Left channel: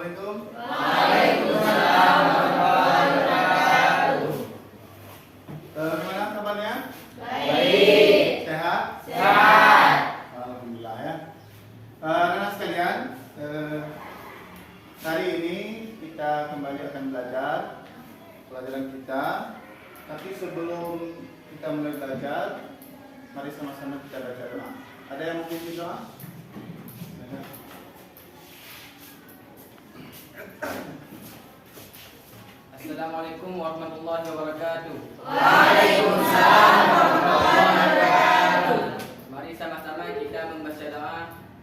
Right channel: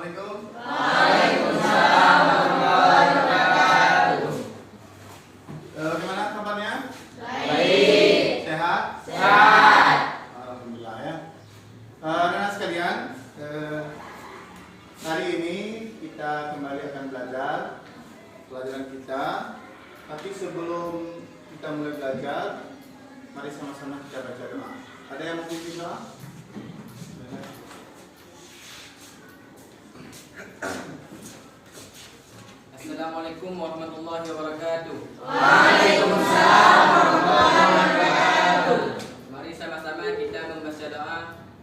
Assalamualaikum. Waalaikumsalam warahmatullahi wabarakatuh. Gimana kabarnya? Baik. Sehat? Sehat. Alhamdulillah ya. Anak-anak sekalian, hari ini kita kembali akan belajar pelajaran kita. Tapi sebelum kita mulai belajar, mari sama-sama kita baca doa. Ada yang mau puji doa? Assalamualaikum warahmatullahi wabarakatuh. Waalaikumsalam warahmatullahi wabarakatuh. Mari sama-sama kita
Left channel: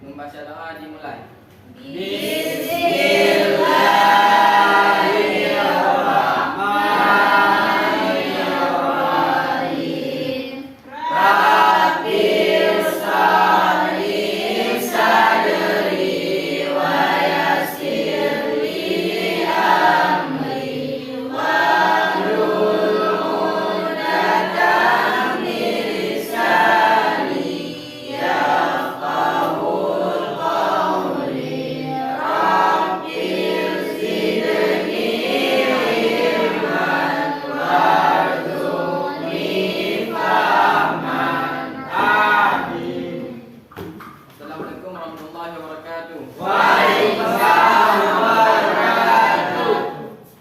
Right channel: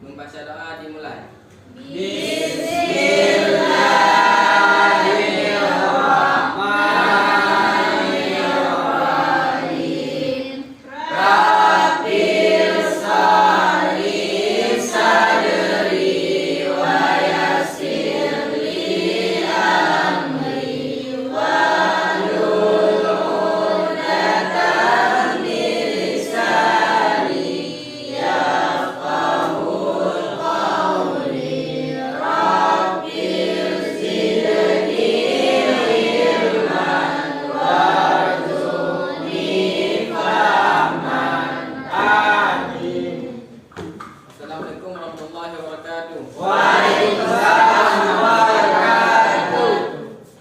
membaca doa dimulai. Bismillahirrahmanirrahim. Rabbil sholli sadri wa yassir li amri wahlul 'uqdatam min lisani yafqahul qawli. Rabbil zidni ilman warzuqni fahman. Amin. Assalamualaikum warahmatullahi wabarakatuh. Waalaikumsalam wabarakatuh.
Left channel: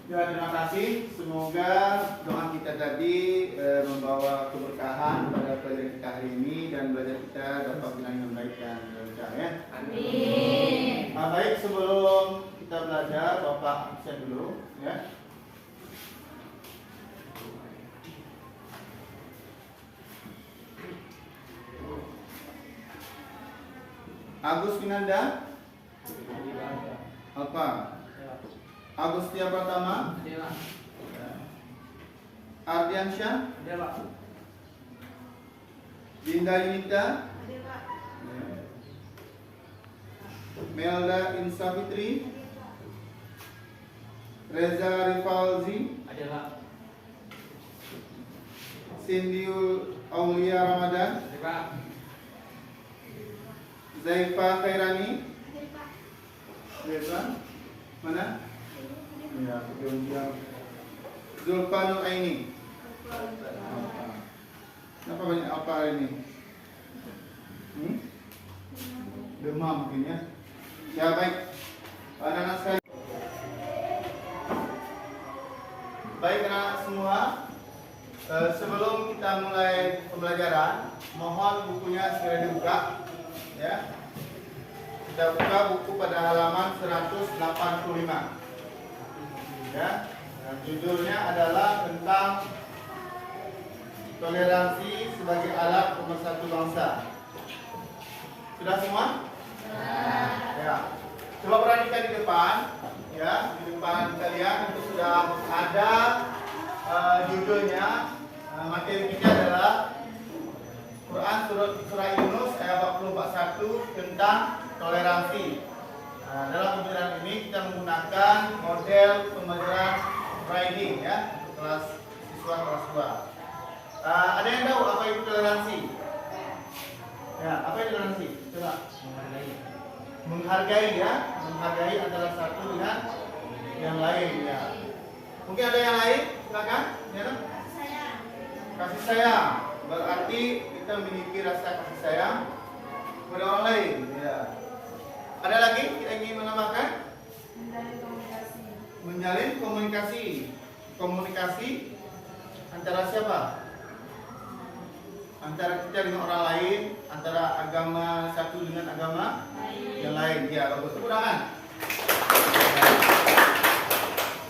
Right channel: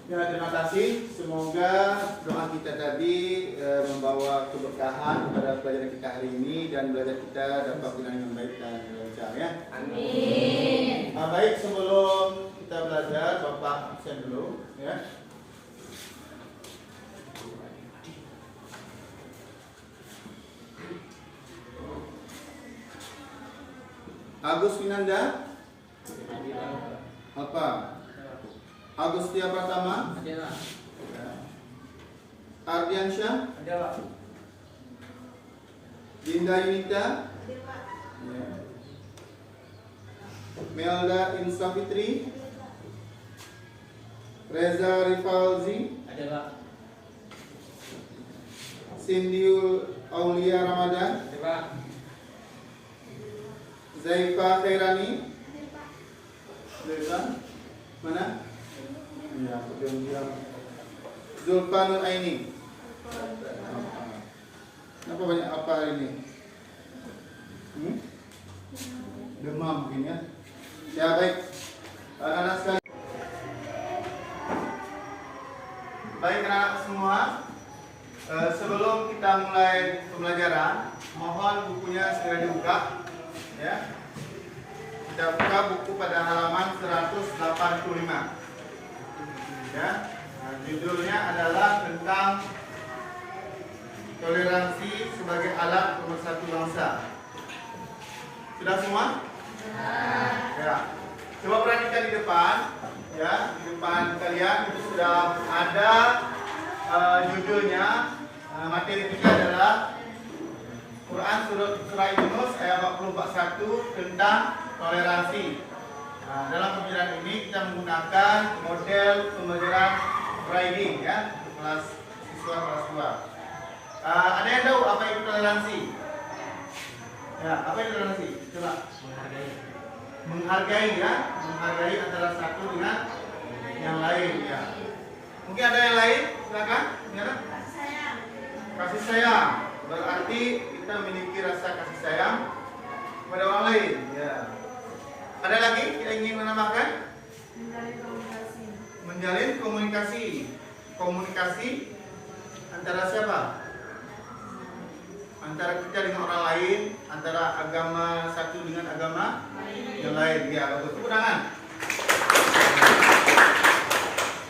Ya, terima kasih. Semoga doa kita tadi membawa keberkahan pada pelajaran kita hari ini dan belajar kita dapat berjalan dengan baik dan lancar ya. Amin. Baik, sebelum kita belajar, Bapak absen dulu ya. Agus Winanda apa? Agustia Pratama, Ardiansyah, Dinda Yunita, Melda Insafitri, Reza Rifalzi, Sindiul Aulia Ramadan, Zaifa Khairani, Zaifa mana? Ya, diam-diam. Zulfa Nur Aini. Kenapa banyak apa ini? Demam mungkin ya. Ya baik. Anak-anak sekalian. Baik anak-anak semua. Sebelum kita mulai pembelajaran, mohon bukunya segera dibuka. Ya. Kita buka buku pada halaman 185. Ya. Judulnya adalah tentang toleransi sebagai alat pemersatu bangsa. Sudah semua? Ya. Coba perhatikan di depan, ya, di depan kalian itu sudah ada judulnya. Materi kita adalah Quran surah Yunus ayat 41 tentang toleransi. Nah, dalam pembelajaran ini kita menggunakan model pembelajaran writing ya, untuk kelas siswa kelas 2. Ada yang tahu apa itu toleransi? Ya, apa itu toleransi? Coba. Menghargai ya, menghargai antara satu dengan yang lain ya. Mungkin ada yang lain? Silakan. Ya, kasih sayang. Berarti kita memiliki rasa kasih sayang kepada orang lain ya. Ada lagi yang ingin menambahkan? Menjalin komunikasi. Komunikasi antara siapa? Antara kita dengan orang lain, antara agama satu dengan agama yang lain. Ya, bagus. Tepuk tangan.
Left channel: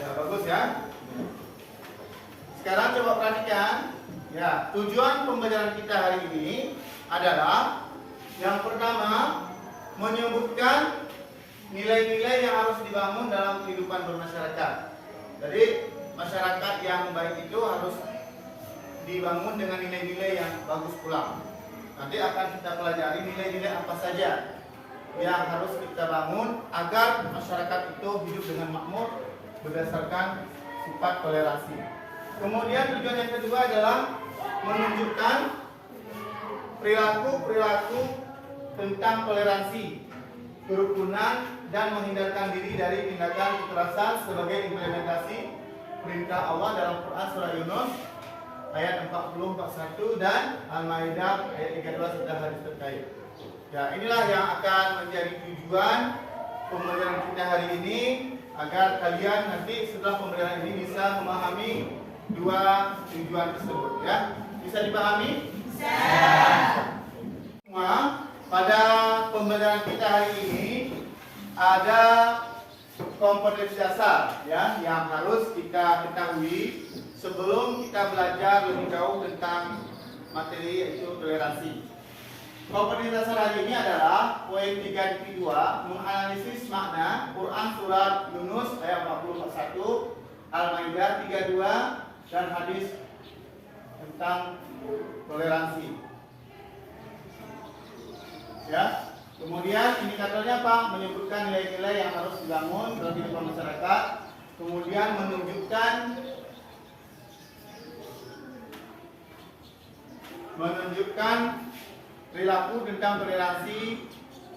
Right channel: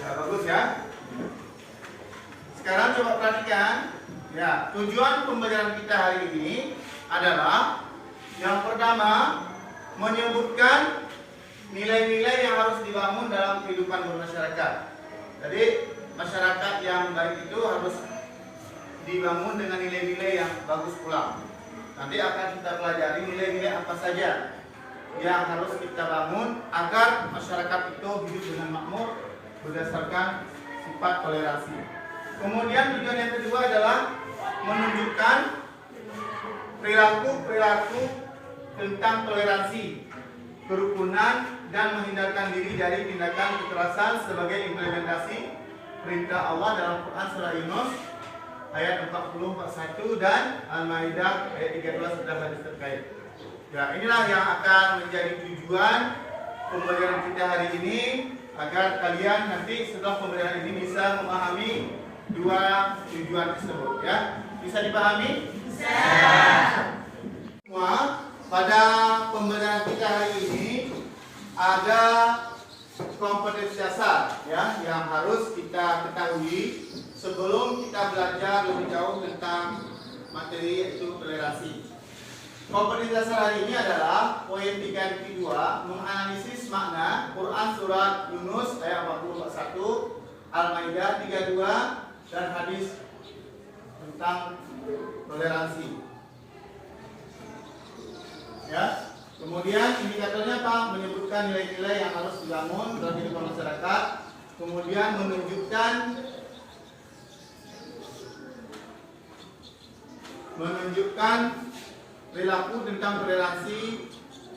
Ya, bagus ya. Sekarang coba perhatikan. Ya, tujuan pembelajaran kita hari ini adalah yang pertama menyebutkan nilai-nilai yang harus dibangun dalam kehidupan bermasyarakat. Jadi masyarakat yang baik itu harus dibangun dengan nilai-nilai yang bagus pula. Nanti akan kita pelajari nilai-nilai apa saja yang harus kita bangun agar masyarakat itu hidup dengan makmur berdasarkan sifat toleransi. Kemudian tujuan yang kedua adalah menunjukkan perilaku-perilaku tentang toleransi, kerukunan, dan menghindarkan diri dari tindakan kekerasan sebagai implementasi perintah Allah dalam Quran surah Yunus ayat 40-41 dan Al-Maidah ayat 13 sudah hadis terkait. Ya, inilah yang akan menjadi tujuan pembelajaran kita hari ini agar kalian nanti setelah pembelajaran ini bisa memahami dua tujuan tersebut. Ya, bisa dipahami? Bisa. Semua pada pembelajaran kita hari ini ada kompetensi dasar ya yang harus kita ketahui sebelum kita belajar lebih jauh tentang materi yaitu toleransi. Kompetensi dasar hari ini adalah poin 3.2 menganalisis makna Quran surat Yunus ayat 40-41, Al-Maidah 32 dan hadis tentang toleransi. Ya. Kemudian indikatornya apa? Menyebutkan nilai-nilai yang harus dibangun dalam kehidupan masyarakat. Kemudian menunjukkan perilaku tentang toleransi,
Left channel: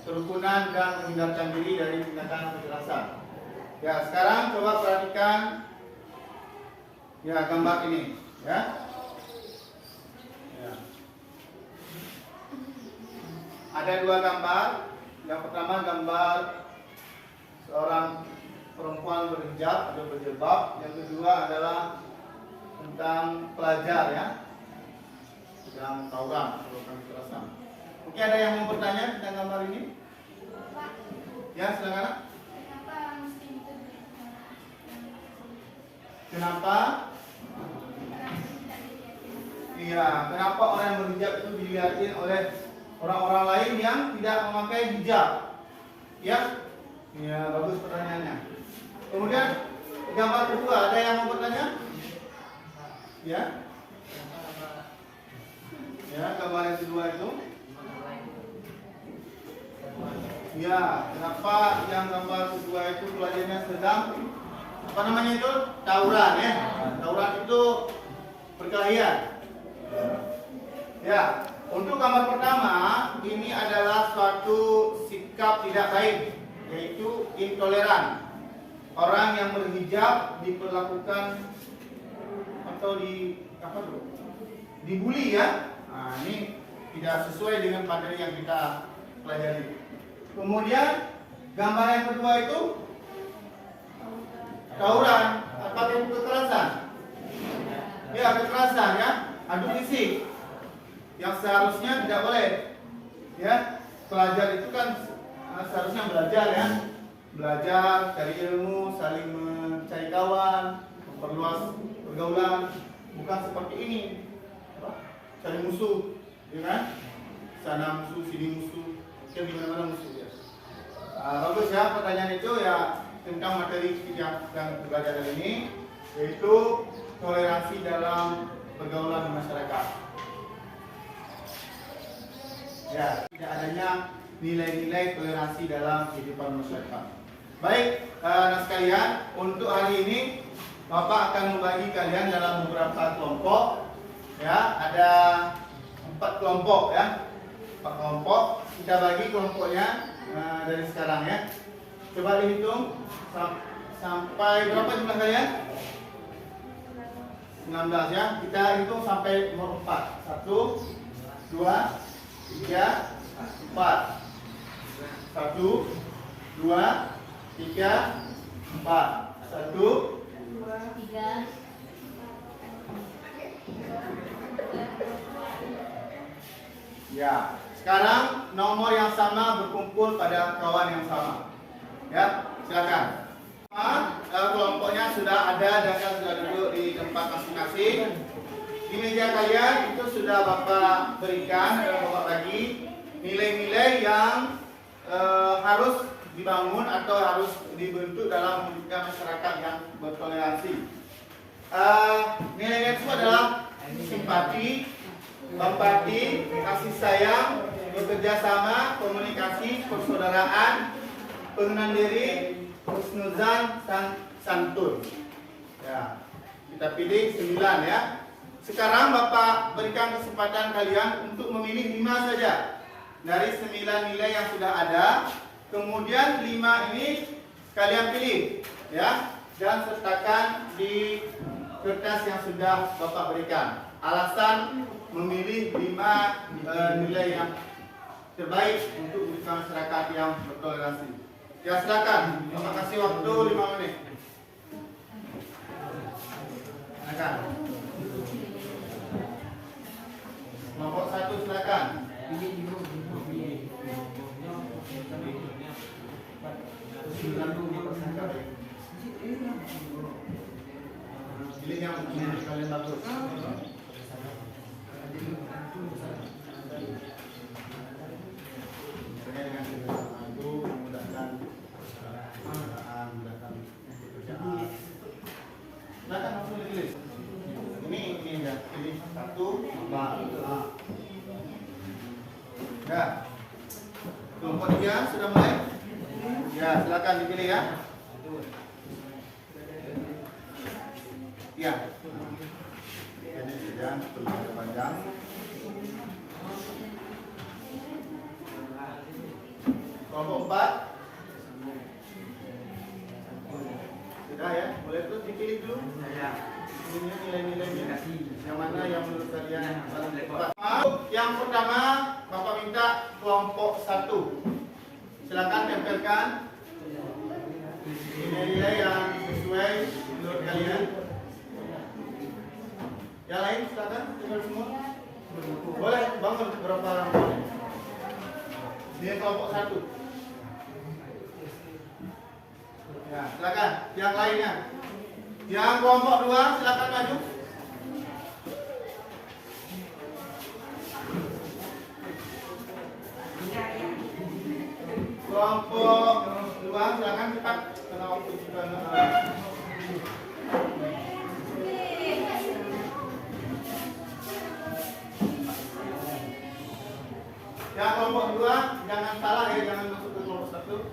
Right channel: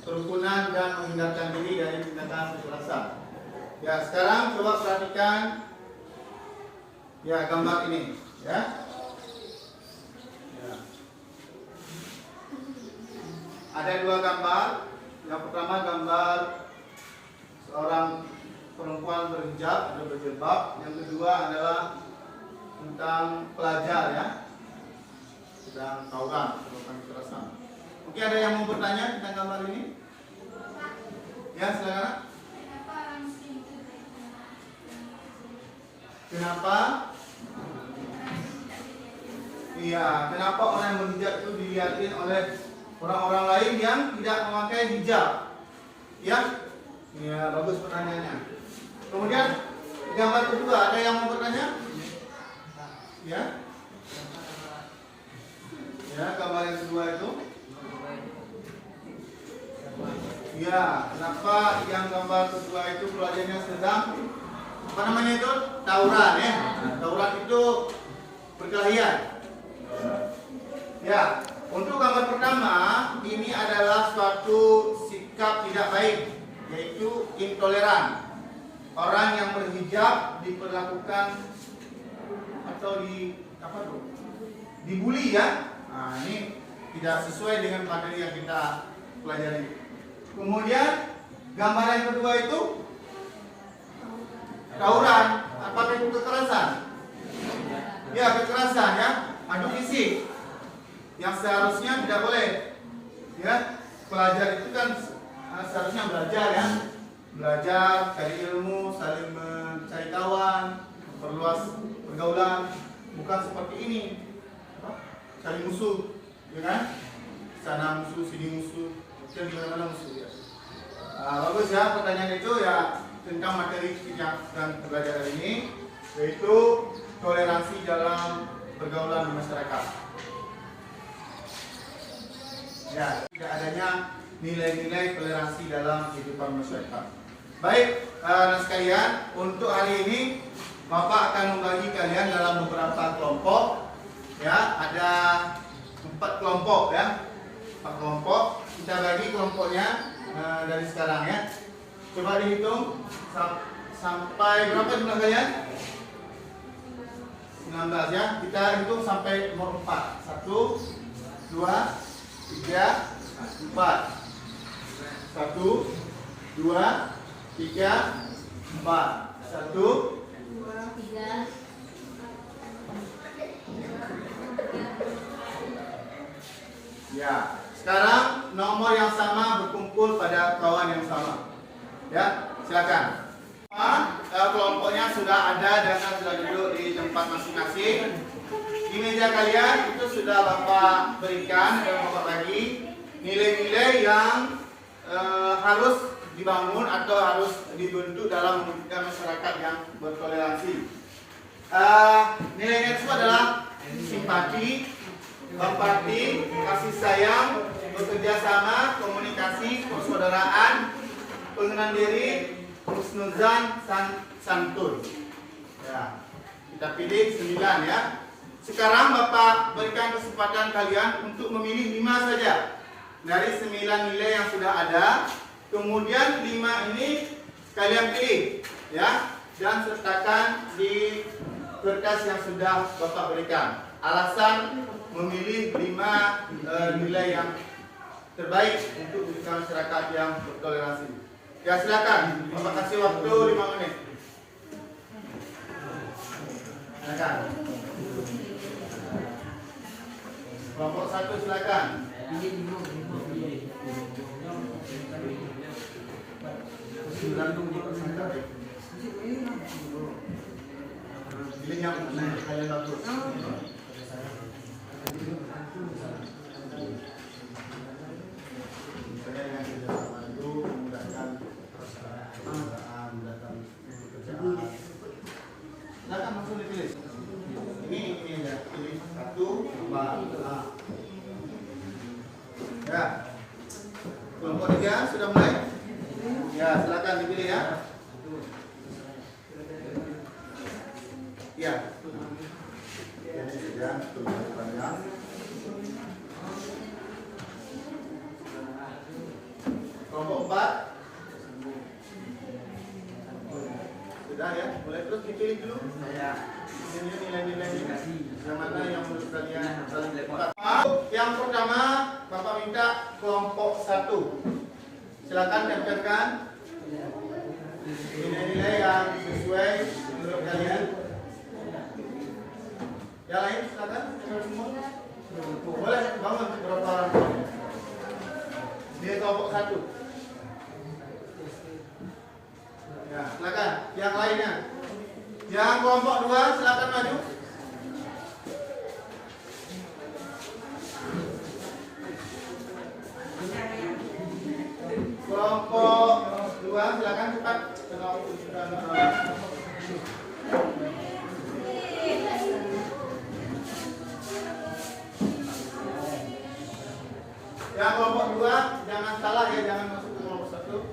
kerukunan dan menghindarkan diri dari tindakan kekerasan. Ya, sekarang coba perhatikan ya gambar ini, ya. Ada dua gambar. Yang pertama gambar seorang perempuan berhijab atau berjilbab. Yang kedua adalah tentang pelajar ya, sedang tawuran atau kekerasan. Mungkin ada yang mau bertanya tentang gambar ini? Ya, silakan. Kenapa? Iya, kenapa orang yang berhijab itu dilihatin oleh orang-orang lain yang tidak memakai hijab? Ya, ya bagus pertanyaannya. Kemudian gambar kedua, ada yang mau bertanya? Ya, ya gambar yang kedua itu. Ya, kenapa yang gambar kedua itu pelajarnya sedang apa namanya itu tawuran ya? Tawuran itu perkelahian. Ya. Untuk gambar pertama, ini adalah suatu sikap tidak baik, yaitu intoleran. Orang yang berhijab diperlakukan atau dibully ya. Nah, ini tidak sesuai dengan materi yang kita pelajari. Kemudian gambar yang kedua itu tawuran, apakah itu kekerasan? Ya, kekerasan ya, adu fisik. Yang seharusnya tidak boleh ya, pelajar itu kan seharusnya belajar ya, belajar, cari ilmu, saling mencari kawan, perluas pergaulan, bukan seperti ini cari musuh ya kan, sana musuh sini musuh, dan di mana-mana musuh ya. Bagus ya pertanyaan itu ya tentang materi yang akan belajar hari ini, yaitu toleransi dalam pergaulan masyarakat. Ya, tidak adanya nilai-nilai toleransi dalam kehidupan masyarakat. Baik, anak sekalian, untuk hari ini Bapak akan membagi kalian dalam beberapa kelompok. Ya, ada 4 kelompok ya. 4 kelompok. Kita bagi kelompoknya dari sekarang ya. Coba dihitung sampai berapa jumlah kalian? 19 ya. Kita hitung sampai nomor 4. 1 2 3, 4. 1, 2, 3, 4. 1, 2, 3, 4. Ya, sekarang nomor yang sama berkumpul pada kawan yang sama. Ya, silakan. Kelompoknya sudah ada dan sudah duduk di tempat masing-masing. Di meja kalian itu sudah Bapak berikan, ada Bapak bagi nilai-nilai yang harus dibangun atau harus dibentuk dalam mewujudkan masyarakat yang bertoleransi. Nilainya itu adalah simpati, empati, kasih sayang, bekerja sama, komunikasi, persaudaraan, pengenalan diri, husnuzan, santun. Ya, kita pilih 9 ya. Sekarang Bapak berikan kesempatan kalian untuk memilih 5 saja dari 9 nilai yang sudah ada Kemudian 5 ini kalian pilih ya, dan sertakan di kertas yang sudah Bapak berikan. Alasan memilih 5 nilai yang terbaik untuk masyarakat yang bertoleransi. Ya silakan, Bapak kasih waktu 5 menit. Silakan. Kelompok 1 silakan. Pilih yang kalian bagus. Misalnya dengan kerjasama itu memudahkan pekerjaan, memudahkan pekerjaan. Silakan langsung ditulis. Ini ya, pilih 1, 2, ya. Kelompok 3 sudah mulai? Ya, silakan dipilih ya. Ya. Ini sudah terlalu panjang. Kelompok 4 sudah ya, boleh terus dipilih dulu. Ini nilai-nilainya yang mana yang menurut kalian paling tepat. Yang pertama, Bapak minta kelompok 1. Silakan tempelkan nilai-nilai yang sesuai menurut kalian. Yang lain silakan tempel semua. Boleh bangun berapa orang? Ini kelompok 1. Nah, silakan. Yang lainnya. Yang kelompok 2 silakan maju. Kelompok 2 silakan cepat karena waktu sudah yang kelompok 2 jangan salah ya, jangan masuk ke kelompok 1.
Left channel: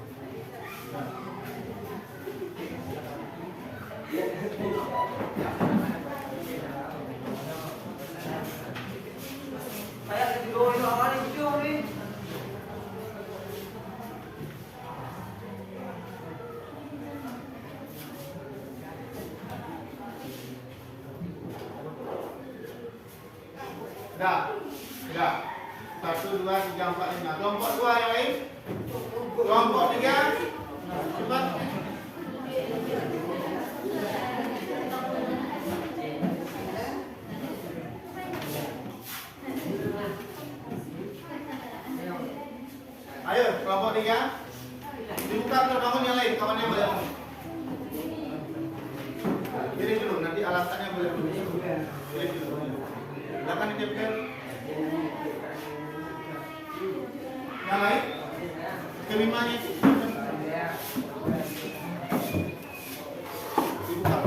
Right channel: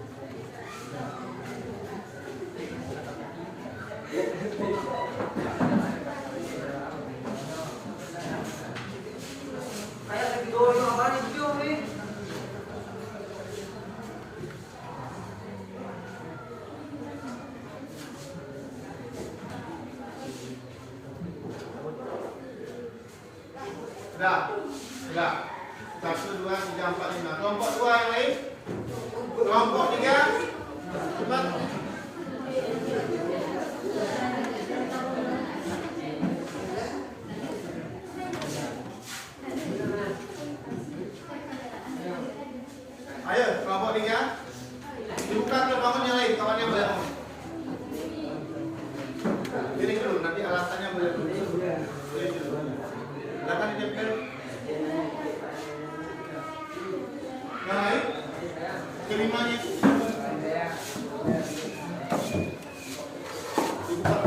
Sudah. 1, 2, 3, 4, 5. Kelompok 2 yang lain. Kelompok 3. Cepat. Ayo, kelompok 3. Dibuka terbangun yang lain, kawannya boleh bangun. Jadi dulu, nanti alasannya boleh dulu. Boleh dulu. Silakan ditempel. Yang lain? Kelimanya itu. Dibuka.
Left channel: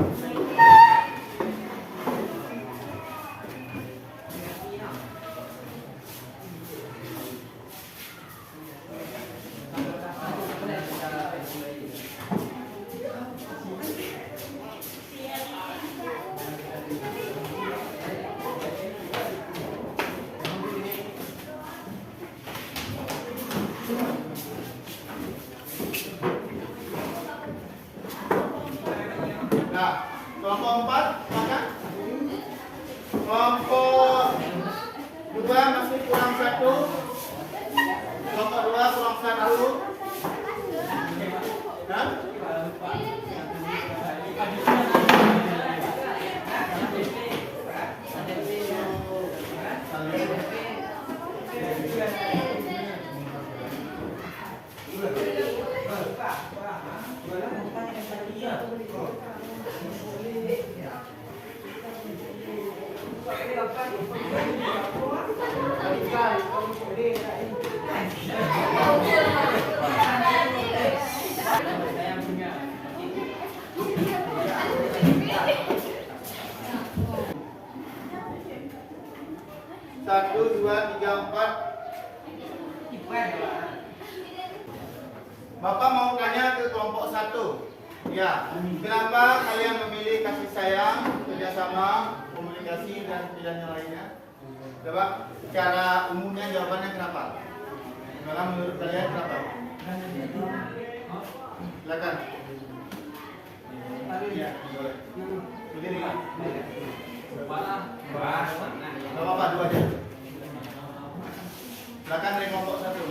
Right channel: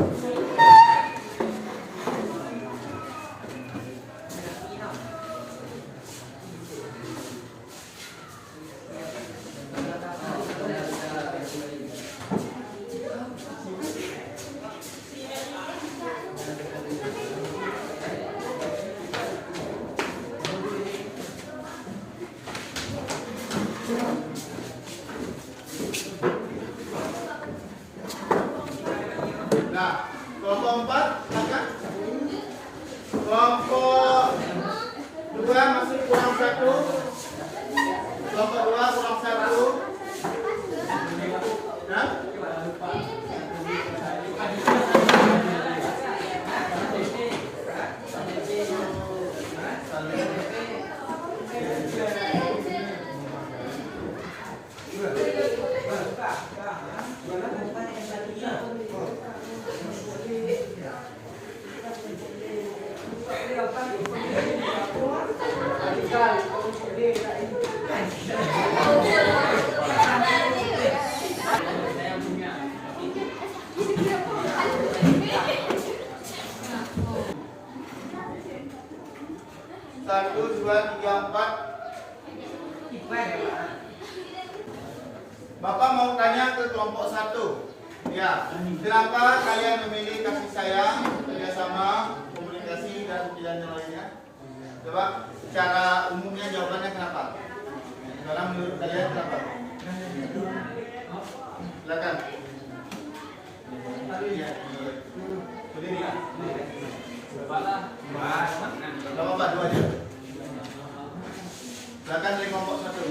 Nah, kelompok 4, silakan. Kelompok 2 masih kurang 1. Kelompok 2 kurang 1. Hah? Satu, dua, tiga, 4. Bapak mau tanya ke kelompok 1. Ya, kenapa kalian memilih kasih sayang, kerjasama, komunikasi, dan pilihan yang lainnya? Coba, secara umumnya jawabannya kenapa? Karena menurut kalian kenapa? Silakan. Berdiri. Gak apa-apa, dua aja. Silakan dari kelompok satu.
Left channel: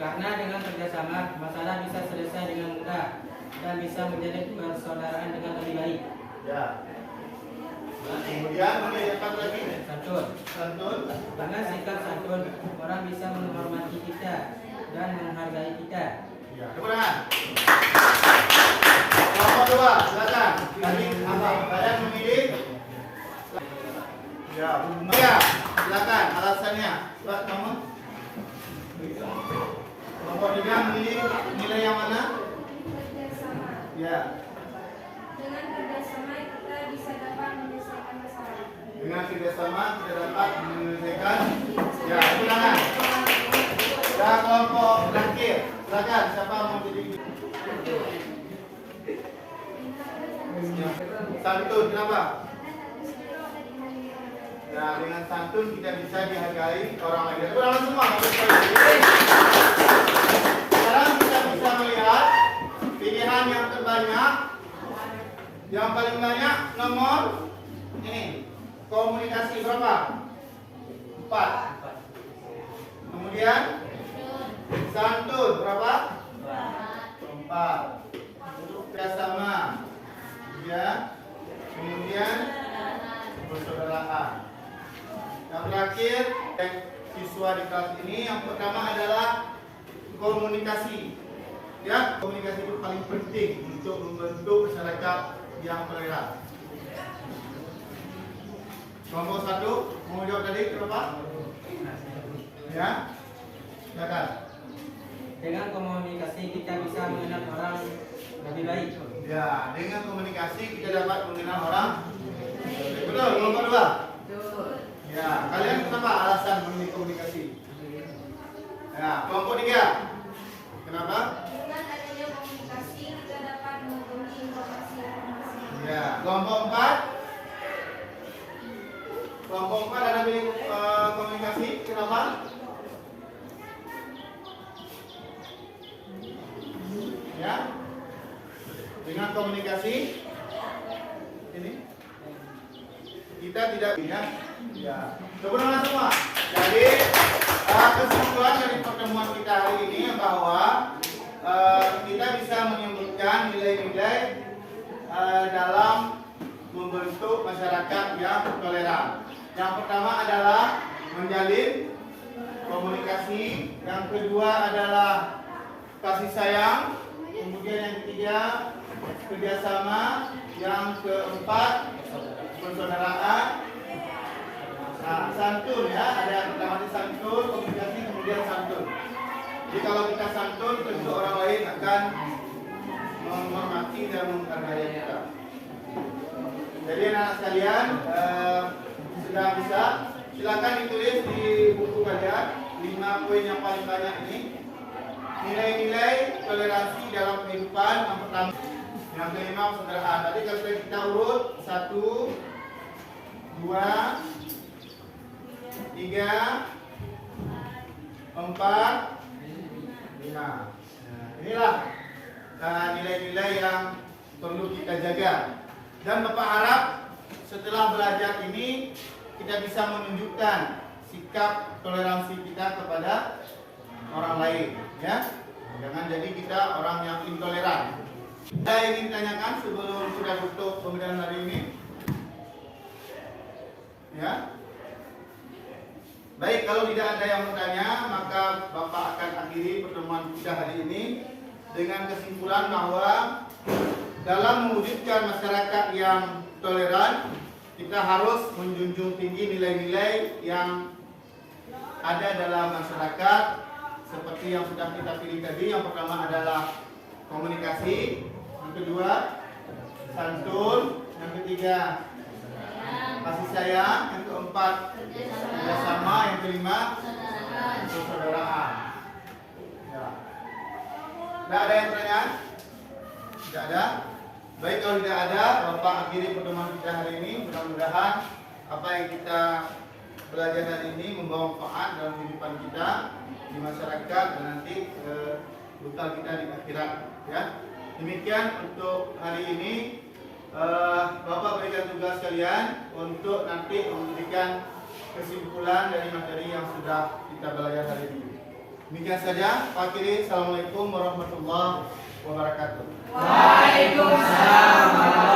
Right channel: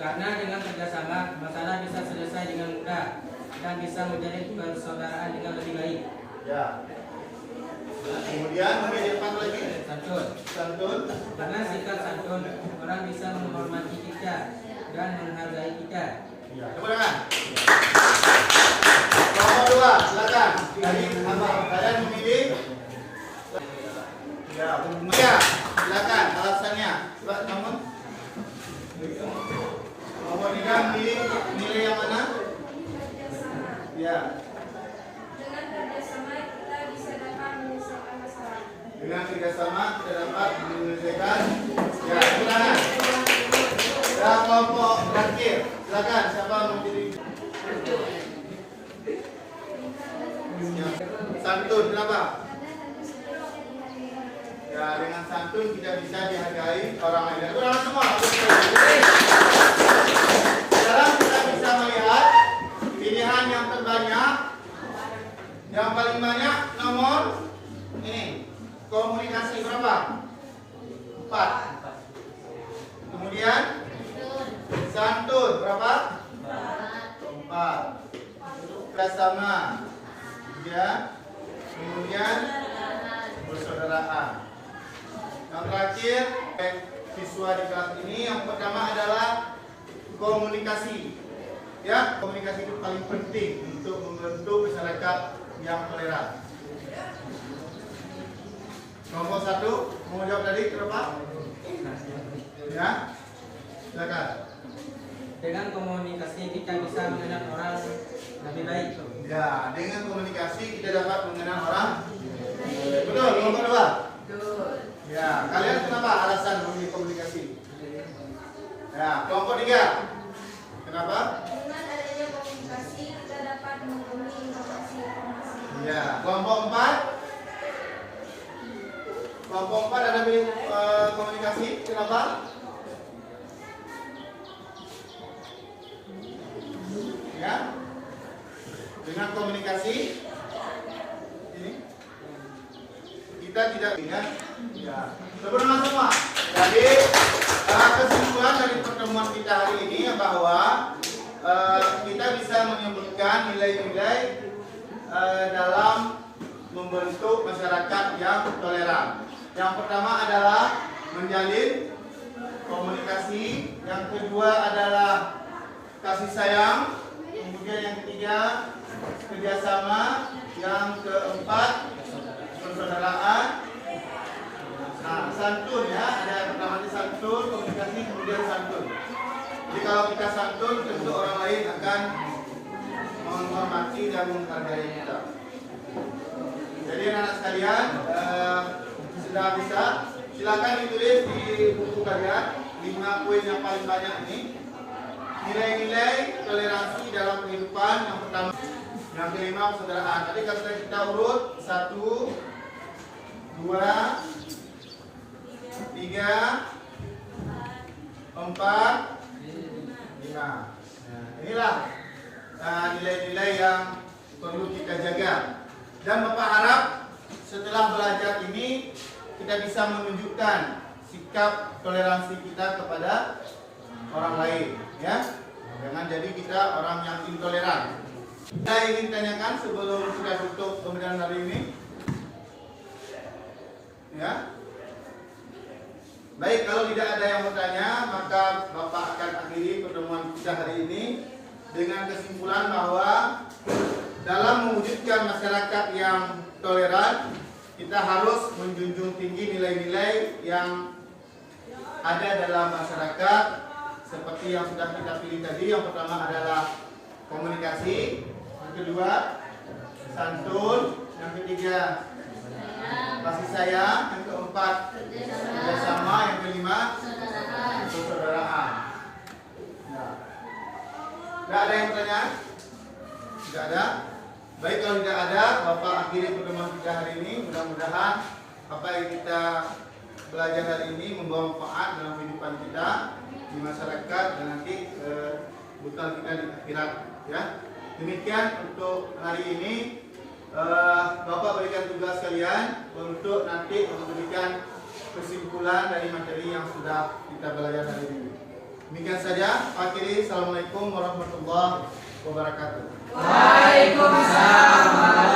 Karena dengan kerjasama, masalah bisa selesai dengan mudah dan bisa menjadi persaudaraan dengan lebih baik. Ya. Kemudian menjadikan lagi Santun. santun. Dengan sikap santun, orang bisa menghormati kita dan menghargai kita. Ya, tepuk tangan. Kelompok dua, silakan. Tadi apa? Kalian memilih. Ya, silakan. Alasannya, coba namun. Kelompok tiga memilih nilai yang mana? Ya. Dengan kerjasama kita bisa dapat menyelesaikan masalah. Dengan kerjasama kita dapat menyelesaikan. Ya, tepuk tangan. Dan kelompok terakhir, silakan. Siapa mau jadi? Ya. Santun, kenapa? Ya, dengan santun kita bisa dihargai orang lain. Itu orang semua. Sekarang kita bisa melihat pilihan yang terbanyak. Yang paling banyak nomor ini. Komunikasi berapa? 4. Kemudian santun berapa? 4. Bersama. Ya. Kemudian persaudaraan. Yang terakhir, siswa di kelas ini yang pertama adalah komunikasi. Ya, komunikasi itu paling penting untuk membentuk masyarakat yang toleran. Kelompok satu mau jawab tadi kenapa? Ya, silakan. Dengan komunikasi kita bisa mengenal orang lebih baik. Ya, dengan komunikasi kita dapat mengenal orang. Betul, kelompok dua. Ya, kalian kenapa alasan memilih komunikasi? Ya, kelompok tiga. Kenapa? Dengan adanya komunikasi kita dapat menghubungi informasi-informasi. Ya, kelompok empat. Kelompok empat ada pilih komunikasi. Kenapa? Ya, dengan komunikasi ini kita tidak ingat. Ya, sebenarnya semua. Jadi kesimpulan dari pertemuan kita hari ini bahwa kita bisa menyebutkan nilai-nilai dalam membentuk masyarakat yang toleran. Yang pertama adalah menjalin komunikasi, yang kedua adalah kasih sayang, kemudian yang ketiga kerjasama, yang keempat persaudaraan. Nah, santun ya, ada yang pertama di santun, komunikasi, kemudian santun. Jadi kalau kita santun, tentu orang lain akan menghormati dan menghargai kita. Jadi anak-anak sekalian sudah bisa, silakan ditulis di buku kalian 5 poin yang paling banyak ini. Nilai-nilai toleransi dalam kehidupan yang pertama, yang kelima persaudaraan. Tadi kalau kita urut 1, 2, 3, 4, 5. Nah, inilah nilai-nilai yang perlu kita jaga. Dan Bapak harap setelah belajar ini kita bisa menunjukkan sikap toleransi kita kepada orang lain, ya. Jangan jadi kita orang yang intoleran. Saya ingin tanyakan sebelum kita tutup pembelajaran hari ini, ya. Baik, kalau tidak ada yang bertanya, maka Bapak akan akhiri pertemuan kita hari ini dengan kesimpulan bahwa dalam mewujudkan masyarakat yang toleran, kita harus menjunjung tinggi nilai-nilai yang ada dalam masyarakat seperti yang sudah kita pilih tadi. Yang pertama adalah komunikasi, yang kedua santun, yang ketiga kasih sayang, yang keempat kerjasama, yang kelima persaudaraan. Ya. Tidak ada yang bertanya? Tidak ada? Baik, kalau tidak ada, Bapak akhiri pertemuan kita hari ini. Mudah-mudahan apa yang kita belajar hari ini membawa manfaat dalam kehidupan kita. di masyarakat dan nanti bekal kita di akhirat ya. Demikian untuk hari ini. Bapak berikan tugas kalian untuk nanti memberikan kesimpulan dari materi yang sudah kita belajar hari ini. Demikian saja. Akhiri, assalamualaikum warahmatullahi wabarakatuh. Waalaikumsalam.